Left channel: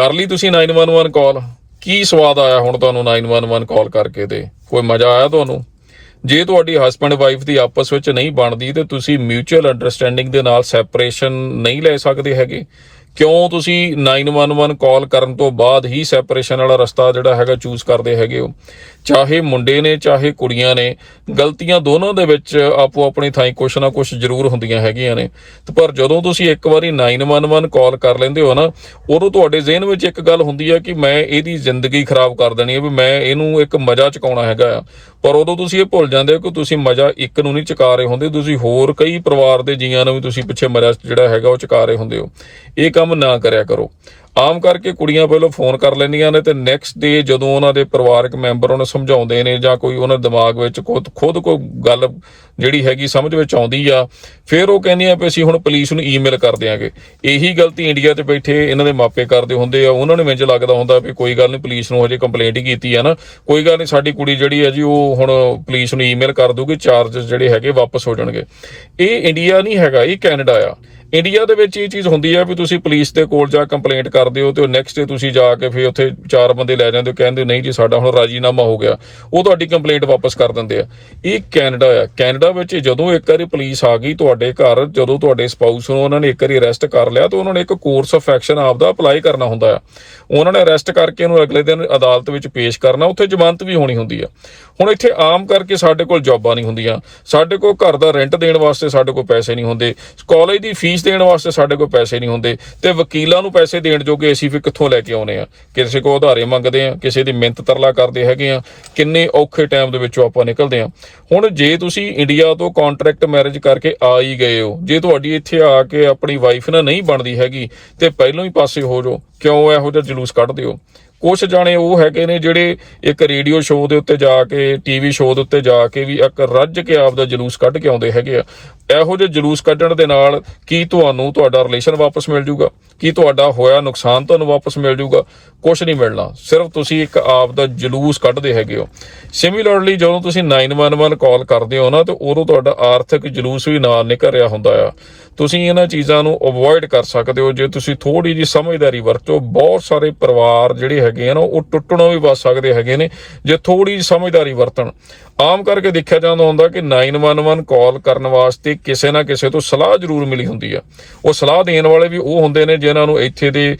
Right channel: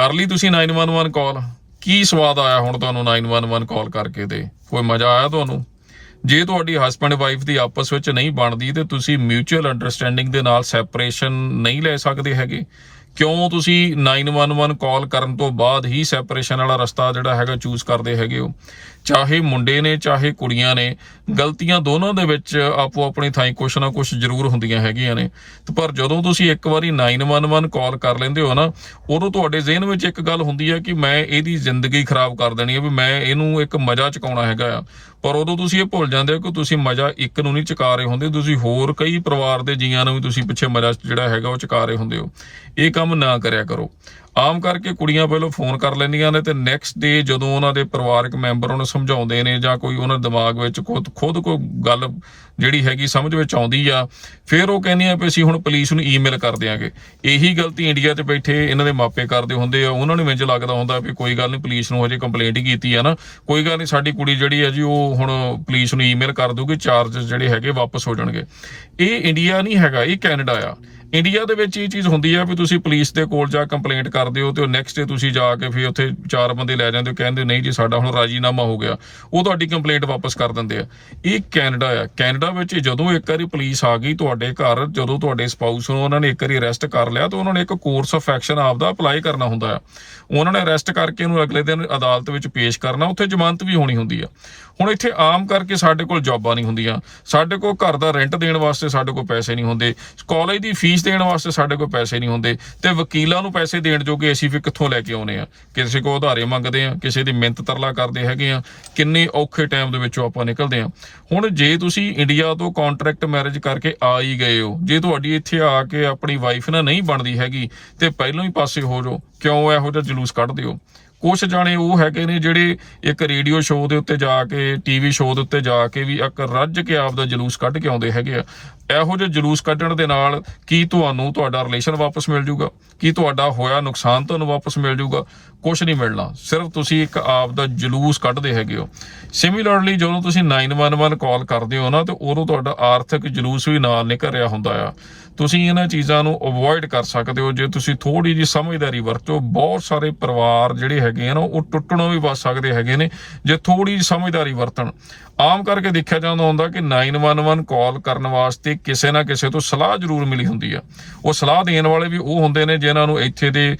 ਕਰ ਲਈ ਤੁਸੀਂ 911 ਕਾਲ ਕੀ ਸਵਾਦ ਆਇਆ ਹੁਣ ਤੁਹਾਨੂੰ 911 ਕਾਲ ਕਰਕੇ ਤੇ? ਕੋਈ ਮਜ਼ਾ ਆਇਆ ਤੁਹਾਨੂੰ? ਜੇ ਤੁਹਾਡੀ ਹਸਬੰਡ ਵਾਈਫ ਦੀ ਆਪਸ ਵਿੱਚ ਨਹੀਂ ਬਣਦੀ ਤੇ ਤੁਸੀਂ ਮਿਊਚੁਅਲ ਅੰਡਰਸਟੈਂਡਿੰਗ ਦੇ ਨਾਲ ਸੈਪਰੇਸ਼ਨ ਨਹੀਂ ਲੈ ਸਕਦੇ ਹੈਗੇ ਕਿਉਂ ਤੁਸੀਂ 911 ਕਾਲ ਕਰਨ ਤੋਂ ਬਾਅਦ ਹੀ ਸੈਪਰੇਸ਼ਨ ਵਾਲਾ ਰਸਤਾ ਜਿਹੜਾ ਹੈਗਾ ਚੂਜ਼ ਕਰਦੇ ਹੈਗੇ ਹੋ? ਚਾਹੇ ਮੁੰਡੇ ਨੇ, ਚਾਹੇ ਕੁੜੀਆਂ ਨੇ, ਗਲਤੀਆਂ ਦੋਨੋਂ ਦੇ ਵਿੱਚ ਆਪੋ ਆਪਣੀ ਥਾਂ ਕੁਛ ਨਾ ਕੁਛ ਜ਼ਰੂਰ ਹੁੰਦੀਆਂ ਹੈਗੀਆਂ ਨੇ। ਤੇ ਪਰ ਜਦੋਂ ਤੁਸੀਂ ਇੱਕ ਵਾਰੀ 911 ਕਾਲ ਕਰ ਲੈਂਦੇ ਹੋ ਨਾ, ਉਦੋਂ ਤੁਹਾਡੇ ਜ਼ਿਹਨ ਵਿੱਚ ਇੱਕ ਗੱਲ ਹੁੰਦੀ ਹੈ ਕਿ ਮੈਂ ਇਹਦੀ ਜ਼ਿੰਦਗੀ ਖਰਾਬ ਕਰ ਦੇਣੀ ਹੈ ਵੀ ਮੈਂ ਇਹਨੂੰ ਇੱਕ ਮਜ਼ਾ ਚਕਾਉਣਾ ਹੈਗਾ ਆ। ਪਰ ਉਦੋਂ ਤੁਸੀਂ ਇਹ ਭੁੱਲ ਜਾਂਦੇ ਹੋ ਕਿ ਤੁਸੀਂ ਮਜ਼ਾ ਇੱਕ ਨੂੰ ਨਹੀਂ ਚਕਾ ਰਹੇ ਹੁੰਦੇ, ਤੁਸੀਂ ਹੋਰ ਕਈ ਪਰਿਵਾਰ ਦੇ ਜੀਆਂ ਨੂੰ ਵੀ ਤੁਸੀਂ ਪਿੱਛੇ ਮਜ਼ਾ ਜਿਹੜਾ ਹੈਗਾ ਉਹ ਚਕਾ ਰਹੇ ਹੁੰਦੇ ਹੋ। ਇਹ ਕੰਮ ਨਾ ਕਰਿਆ ਕਰੋ। ਆਮ ਕਰਕੇ ਕੁੜੀਆਂ ਪਹਿਲਾਂ ਫੋਨ ਕਰ ਲੈਂਦੀਆਂ ਨੇ ਤੇ ਨੈਕਸਟ ਡੇ ਜਦੋਂ ਉਹਨਾਂ ਦੇ ਪਰਿਵਾਰਕ ਮੈਂਬਰ ਉਹਨੂੰ ਸਮਝਾਉਂਦੇ ਨੇ ਜਾਂ ਕੋਈ ਉਹਨਾਂ ਦਿਮਾਗ ਵਿੱਚ ਖੁਦ ਖੁਦ ਕੋਈ ਗੱਲ ਜਿਹੜੀ ਹੈਗੀ ਸਮਝ ਵਿੱਚ ਆਉਂਦੀ ਆ, ਫਿਰ ਉਹ ਕਹਿੰਦੀਆਂ ਵੀ ਅਸੀਂ ਹੁਣ ਪੁਲਿਸ ਨੂੰ ਈਮੇਲ ਕਰ ਦਿਆਂਗੇ। ਇਹੀ ਗਲਤੀ ਇੰਡੀਆ ਚ ਬੈਠੇ ਇਹਨਾਂ ਦੇ ਮਾਪੇ ਕਰਦੇ ਹੁੰਦੇ ਆ। ਉਹਨਾਂ ਨੂੰ ਮੈਨੂੰ ਲੱਗਦਾ ਹੁੰਦਾ ਵੀ ਕੋਈ ਗੱਲ ਨਹੀਂ, ਪੁਲਿਸ ਨੂੰ ਹਜੇ ਕੰਪਲੇਂਟ ਹੀ ਕੀਤੀ ਆ ਨਾ। ਕੋਈ ਗੱਲ ਨਹੀਂ, ਸਾਡੀ ਕੁੜੀ ਜਿਹੜੀ ਹੈ ਜੀ, ਉਹ ਹੁਣ ਪੁਲਿਸ ਨੂੰ ਈਮੇਲ ਕਰ ਦੂਗੀ ਚਾਰजेस ਜਿਹੜੇ ਹੈਗੇ ਵਾਪਸ ਹੋ ਜਾਣਗੇ। ਇਹ ਇੰਡੀਆ ਨਹੀਂ ਹੈਗਾ, ਇਹ ਕੈਨੇਡਾ ਆ। ਇੰਡੀਆ ਦੇ ਵਿੱਚ ਇਹ ਚੀਜ਼ ਹੁੰਦੀ ਆ ਵੀ ਤੁਸੀਂ ਪੁਲਿਸ ਦੇ ਕੋਲ ਜਾ ਕੰਪਲੇਂਟ ਕਰਦੇ ਹੋ ਤੇ ਉਹ ਨੈਕਸਟ ਡੇ ਤੁਸੀਂ ਜਾ ਕੇ ਫਿਰ ਉੱਥੇ ਚਾਰ ਬੰਦੇ ਲੈ ਜਾਂਦੇ ਹੋ, ਕਹਿੰਦੇ ਨਹੀਂ ਜੀ ਸਾਡਾ ਹੁਣ ਰਾਜੀਨਾਮਾ ਹੋ ਗਿਆ। ਉਹ ਤੁਹਾਡੀ ਕੰਪਲੇਂਟ ਵਾਪਸ ਕਰ ਦਿੰਦੇ ਆ। ਇਹ ਕੈਨੇਡਾ ਆ। ਕੈਨੇਡਾ ਵਿੱਚ ਜਦੋਂ ਇੱਕ ਵਾਰੀ ਪੁਲਿਸ ਆ ਗਈ ਤੁਹਾਡੇ ਘਰ, ਜਦੋਂ ਤੁਹਾਡੇ ਸਪਾਊਸ ਨੂੰ ਉਹਨਾਂ ਨੇ ਇੱਕ ਵਾਰੀ ਅਰੈਸਟ ਕਰ ਲਿਆ ਤਾਂ ਉਹਨਾਂ ਨੇ ਇੱਕ ਕੋਰਸ ਆਫ ਐਕਸ਼ਨ ਆਪਦਾ ਅਪਲਾਈ ਕਰਨਾ ਹੁੰਦਾ ਆ। ਉਹਨਾਂ ਨੇ ਅਰੈਸਟ ਕਰਕੇ ਉਹਨੂੰ ਅਗਲੇ ਦਿਨ ਅਦਾਲਤ ਵਿੱਚ ਪੇਸ਼ ਕਰਨਾ। ਉੱਥੇ ਜ਼ਮਾਨਤ ਵੀ ਹੋਣੀ ਹੁੰਦੀ ਆ। ਹੁਣ ਇੱਥੇ ਆਮ ਕਰਕੇ ਸਾਡੇ ਕੋਲ ਜੌਬਾਂ ਨਹੀਂ ਹੁੰਦੀਆਂ। ਸਾਡੇ ਕੋਲ ਘਰ ਦਾ ਰੈਂਟ ਦੇਣ ਵਾਸਤੇ ਸਾਡੇ ਕੋਲ ਪੈਸੇ ਨਹੀਂ ਹੁੰਦੇ। ਕਾਲਜ ਦੀ ਫੀਸ ਦੇਣ ਵਾਸਤੇ ਸਾਡੇ ਕੋਲ ਪੈਸੇ ਨਹੀਂ ਹੁੰਦੇ ਤੇ ਵਕੀਲਾਂ ਨੂੰ ਪੈਸੇ ਦੇਣ ਜੋਗੇ ਅਸੀਂ ਫਿਰ ਕਿੱਥੋਂ ਲੈ ਕੇ ਆਉਨੇ ਆ? ਕਿਸੇ ਕੋਲ ਉਧਾਰੇ ਮੰਗਦੇ ਆ, ਕਿਸੇ ਦੀ ਮਿੰਤ ਤਰਲਾ ਕਰਦੇ ਹੈਗੇ ਆ, ਕਿੰਨੇ ਔਖੇ ਟਾਈਮ ਦੇ ਵਿੱਚੋਂ ਆਪਾਂ ਨਿਕਲਦੇ ਆ। ਹੁਣ ਜੇ ਤੁਸੀਂ ਇੰਡੀਆ ਤੋਂ ਕੰਟਰੈਕਟ ਮੈਰਿਜ ਕਰਕੇ ਆ ਹੀ ਗਏ ਹੋ, ਜੇ ਤੁਹਾਡੀ ਇੱਥੇ ਆ ਕੇ ਆਪਣੀ ਵਾਈਫ ਨਾਲ ਨਹੀਂ ਬਣਦੀ ਹੈਗੀ, ਤੇ ਪਹਿਲਾਂ ਹੀ ਪਾਸੇ ਹੋ ਜਾਓ, ਕਿਉਂ ਇਹੋ ਜਿਹਾ ਜਲੂਸ ਕੱਢਦੇ ਹੋ ਕੁਝ ਜਾਣੇ ਉਹ ਹੈਗੇ ਨੇ ਜਿਹੜੇ ਇੱਕ ਰੇਡੀਓ ਸ਼ੋਅ ਦੇ ਉੱਤੇ ਜਾ ਕੇ ਟੀਵੀ ਸ਼ੋਅ ਦੇ ਉੱਤੇ ਜਾ ਕੇ ਵੀ ਇੱਕ ਰੱਜ ਕੇ ਆਪ ਦਾ ਜਲੂਸ ਕੱਢ ਕੇ ਆਉਂਦੇ ਹੈਗੇ ਆ। ਇਹੋ ਜਿਹੇ ਜਲੂਸ ਕੱਢਣ ਦੇ ਨਾਲ ਕੀ ਤੁਹਾਨੂੰ ਤੁਹਾਡਾ ਰਿਲੇਸ਼ਨ ਵਾਪਸ ਮਿਲ ਜੂਗਾ ਕੀ ਤੁਹਾਡਾ ਹੋਇਆ ਨੁਕਸਾਨ ਤੁਹਾਨੂੰ ਵਾਪਸ ਮਿਲ ਜੂਗਾ ਕੁਝ ਨਹੀਂ ਮਿਲਣਾ। ਸਿਰਫ ਤੁਸੀਂ ਇੱਕ ਆਪ ਦਾ ਜਲੂਸ ਕੱਢਦੇ ਹੈਗੇ ਹੋ। ਸਿਮਿਲਰਲੀ ਜਦੋਂ ਤੁਸੀਂ 911 ਕਾਲ ਕਰਦੇ ਹੋ ਨਾ, ਤੇ ਉਦੋਂ ਤੁਹਾਡਾ ਆਰਥਿਕ ਜਲੂਸ ਵੀ ਨਾਲ ਨਿਕਲ ਰਿਹਾ ਹੁੰਦਾ ਆ। ਤੁਸੀਂ ਇਹਨਾਂ ਚੀਜ਼ਾਂ ਨੂੰ ਅਵੋਇਡ ਕਰ ਸਕਦੇ ਹੋ। ਜੇ ਤੁਸੀਂ ਥੋੜੀ ਜੀ ਸਮਝਦਾਰੀ ਵਰਤੋ, ਬਹੁਤ ਸਾਰੇ ਪਰਿਵਾਰ ਜਿਹੜੇ ਹੈਗੇ ਆ ਨਾ, ਉਹ ਟੁੱਟਣੋਂ ਵੀ ਬਚ ਸਕਦੇ ਹੈਗੇ ਨੇ, ਜੇ ਥੋੜੀ ਜੀ ਸਮਝਦਾਰੀ ਵਰਤਣ। ਆਮ ਕਰਕੇ ਦੇਖਿਆ ਜਾਂਦਾ ਹੁੰਦਾ ਕਿ 911 ਕਾਲ ਕਰਨ ਵਾਸਤੇ ਕਿਸੇ ਨਾ ਕਿਸੇ ਤੋਂ ਸਲਾਹ ਜ਼ਰੂਰ ਮਿਲੀ ਹੁੰਦੀ ਆ। ਉਹ ਸਲਾਹ ਦੇਣ ਵਾਲੇ ਵੀ ਉਹ ਹੁੰਦੇ ਨੇ ਜਿਨ੍ਹਾਂ ਨੂੰ ਇੱਥੇ ਦੇ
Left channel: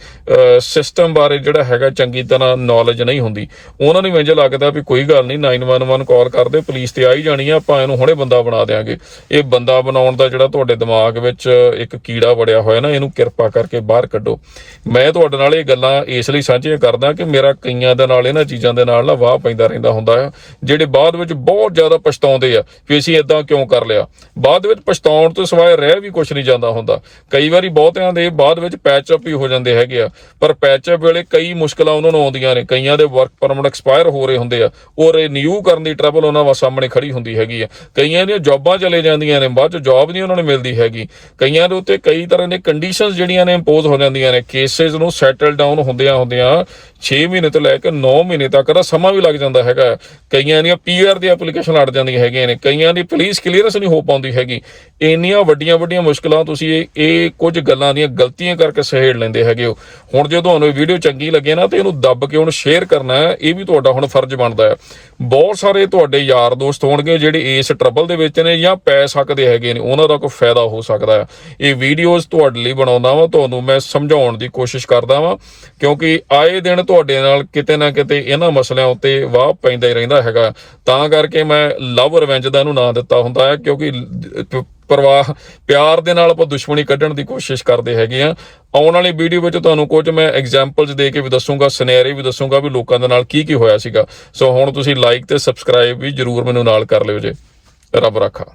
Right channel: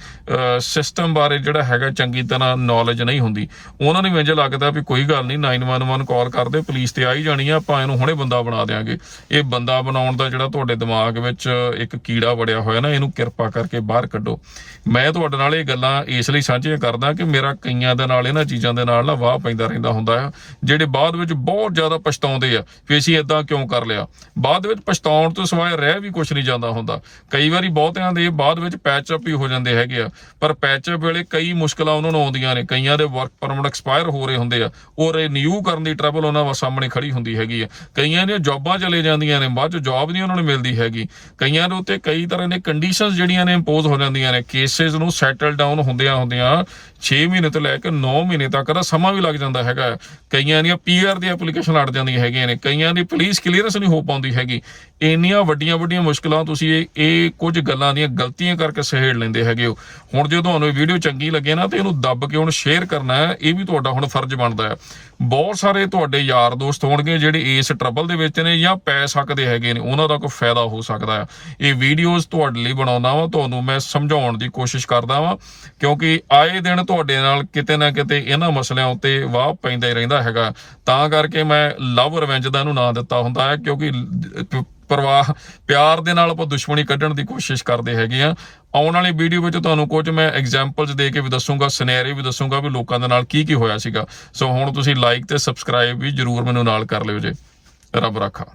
ਸਿਸਟਮ ਬਾਰੇ ਜਿਹੜਾ ਹੈਗਾ ਚੰਗੀ ਤਰ੍ਹਾਂ ਨੌਲੇਜ ਨਹੀਂ ਹੁੰਦੀ। ਉਹਨਾਂ ਨੂੰ ਇੰਜ ਲੱਗਦਾ ਵੀ ਕੋਈ ਗੱਲ ਨਹੀਂ 911 ਕਾਲ ਕਰਦੇ ਪੁਲਿਸ ਤੇ ਆ ਹੀ ਜਾਣੀ ਆ, ਆਪਾਂ ਇਹਨੂੰ ਹੁਣੇ ਬੰਦਾ ਬਣਾ ਦੇਾਂਗੇ ਇਹ ਬੰਦਾ ਬਣਾਉਣ ਦਾ ਜਿਹੜਾ ਤੁਹਾਡੇ ਦਿਮਾਗ ਵਿੱਚ ਇੱਕ ਕੀੜਾ ਵੜਿਆ ਹੋਇਆ ਨਾ, ਇਹਨੂੰ ਕਿਰਪਾ ਕਰਕੇ ਬਾਹਰ ਕੱਢੋ। ਮੈਂ ਤੁਹਾਡੇ ਨਾਲ ਇਹ ਗੱਲਾਂ ਇਸ ਲਈ ਸਾਂਝੀਆਂ ਕਰਦਾ ਕਿ ਮੇਰਾ ਕਈਆਂ ਦੇ ਨਾਲ, ਇਹਨਾਂ ਚੀਜ਼ਾਂ ਦੇ ਨਾਲ ਨਾ ਵਾਹ ਪੈਂਦਾ ਰਹਿੰਦਾ ਹੁੰਦਾ ਆ, ਜਿਹੜੇ ਬਾਅਦ ਵਿੱਚ ਬਹੁਤ ਜ਼ਿਆਦਾ ਪਛਤਾਉਂਦੇ ਆ ਵੀ ਅਸੀਂ ਇਦਾਂ ਕਿਉਂ ਕਰ ਲਿਆ। ਬਾਅਦ ਵਿੱਚ ਪਛਤਾਉਣ ਤੋਂ ਸਿਵਾਏ ਰਹਿ ਵੀ ਕੁਝ ਨਹੀਂ ਜਾਂਦਾ ਹੁੰਦਾ। ਕਈ ਵਾਰੀ ਬਹੁਤਿਆਂ ਦੇ ਬਾਅਦ ਵਿੱਚ ਪੈਚ ਅਪ ਹੀ ਹੋ ਜਾਂਦੇ ਹੈਗੇ ਆ। ਪਰ ਪੈਚ ਅਪ ਵੇਲੇ ਕਈ ਮੁਸ਼ਕਲਾਂ ਉਹਨਾਂ ਨੂੰ ਆਉਂਦੀਆਂ ਨੇ। ਕਈਆਂ ਦੇ ਵਰਕ ਪਰਮਿਟ ਐਕਸਪਾਇਰ ਹੋ ਰਹੇ ਹੁੰਦੇ ਆ। ਉਹ ਰੀਨਿਊ ਕਰਨ ਦੀ ਟਰਬਲ ਉਹਨਾਂ ਵਾ ਸਾਹਮਣੇ ਖੜੀ ਹੁੰਦੀ ਹੈਗੀ ਆ। ਕਈਆਂ ਦੀਆਂ ਜੌਬਾਂ ਚਲੇ ਜਾਂਦੀਆਂ ਨੇ। ਬਾਅਦ ਚ ਜੌਬ ਨਹੀਂ ਉਹਨਾਂ ਨੂੰ ਮਿਲਦੀ ਹੈਗੀ। ਕਈਆਂ ਦੇ ਉੱਤੇ ਕਈ ਤਰ੍ਹਾਂ ਦੇ ਕੰਡੀਸ਼ਨਸ ਜਿਹੜੀਆਂ ਨੇ ਇੰਪੋਜ਼ ਹੋ ਜਾਂਦੀਆਂ ਨੇ। ਕੇਸਿਸ ਨੂੰ ਸੈਟਲ ਡਾਊਨ ਹੁੰਦਿਆਂ ਹੁੰਦਿਆਂ 6 ਮਹੀਨੇ ਤੋਂ ਲੈ ਕੇ 9 ਮਹੀਨੇ ਤੱਕ ਦਾ ਸਮਾਂ ਵੀ ਲੱਗ ਜਾਂਦਾ ਹੈਗਾ। ਕਈਆਂ ਦੀਆਂ ਪੀਆਰ ਦੀ ਐਪਲੀਕੇਸ਼ਨ ਅੜ ਜਾਂਦੀਆਂ ਹੈਗੀਆਂ ਨੇ। ਕਈਆਂ ਦੀ ਪੁਲਿਸ ਕਲੀਅਰੈਂਸ ਨਹੀਂ ਹੋ ਪਾਉਂਦੀ ਹੈਗੀ। ਇੰਨੀਆਂ ਵੱਡੀਆਂ ਵੱਡੀਆਂ ਮੁਸ਼ਕਲਾਂ ਤੁਸੀਂ ਇਹ ਇਹ ਕੁਝ ਗੱਲਾਂ ਦੀਆਂ ਗਲਤੀਆਂ ਕਰਕੇ ਸਹੇੜ ਲੈਂਦੇ ਹੈਗੇ ਹੋ। ਹੁਣ ਜੇ ਤੁਹਾਨੂੰ ਇਹ ਵੀਡੀਓ ਚੰਗੀ ਲੱਗੇ ਨਾ ਤੇ ਇਹਨੂੰ ਦੱਬ ਕੇ ਹੁਣ ਸ਼ੇਅਰ ਕਰਨਾ ਇਹ ਵੀ ਤੁਹਾਡਾ ਹੁਣ ਫਰਜ਼ ਬਣਦਾ ਹੈ। ਬਹੁਤ ਸਾਰੇ ਤੁਹਾਡੇ ਯਾਰ ਦੋਸਤ ਹੋਣਗੇ ਜਿਹੜੇ ਇਸ ਟਰਬਲ ਦੇ ਵਿੱਚ ਨੇ ਜਾਂ ਪੈ ਸਕਦੇ ਹੈਗੇ ਨੇ, ਉਹਨਾਂ ਦਾ ਕੋਈ ਫਾਇਦਾ ਹੋ ਸਕਦਾ ਹੈ। ਇਹ ਵੀਡੀਓਜ਼ ਤੁਹਾਡੇ ਲਈ ਬਣਾਉਂਦਾ ਵਾਂ, ਤੁਹਾਨੂੰ ਮੈਂ ਸਮਝਾਉਣ ਦੀ ਕੋਸ਼ਿਸ਼ ਕਰਦਾ ਵਾਂ, ਕਿਉਂਕਿ ਆਏ ਦਿਨ ਤੁਹਾਡੇ ਨਾਲ ਕਿਤੇ ਨਾ ਕਿਤੇ ਇਹਨਾਂ ਮਸਲਿਆਂ ਉੱਤੇ ਵਾਹ ਪੈਂਦਾ ਹੀ ਰਹਿੰਦਾ ਹੈਗਾ। ਤਾਂ ਕਰਕੇ ਮੈਂ ਲਵ ਰਿਵੈਂਜ ਦਾ ਇਹਨੂੰ ਨਾਂ ਦਿੱਤਾ ਹੁੰਦਾ ਹੈ, ਕਿਉਂਕਿ ਪਰਵਾਹ, ਪਿਆਰ ਦੇ ਨਾਲ ਆਪਾਂ ਦੁਸ਼ਮਣੀ ਕੱਢਣ ਦੀ ਕੋਸ਼ਿਸ਼ ਕਰਦੇ ਹੈਗੇ ਆ। ਆਉਣ ਵਾਲੀ ਵੀਡੀਓ ਵਿੱਚ ਤੁਹਾਨੂੰ ਕੁਝ ਮੈਂ ਐਗਜ਼ਾਮਪਲਸ ਦੇ ਕੇ ਵੀ ਦੱਸੂਗਾ ਸਿਨੈਰੀਓ ਵੀ ਦੱਸੂਗਾ ਵੀ ਲੋਕਾਂ ਦੇ ਨਾਲ ਕੀ ਕੀ ਹੋਇਆ ਸੀਗਾ। ਸੋ ਹੁਣ ਤੁਸੀਂ ਲਾਈਕ ਤੇ ਸਬਸਕ੍ਰਾਈਬ ਵੀ ਜਰੂਰ ਮੈਨੂੰ ਨਾਲ ਕਰ ਲਿਓ ਜੇ। ਰੱਬ ਰਾਖਾ।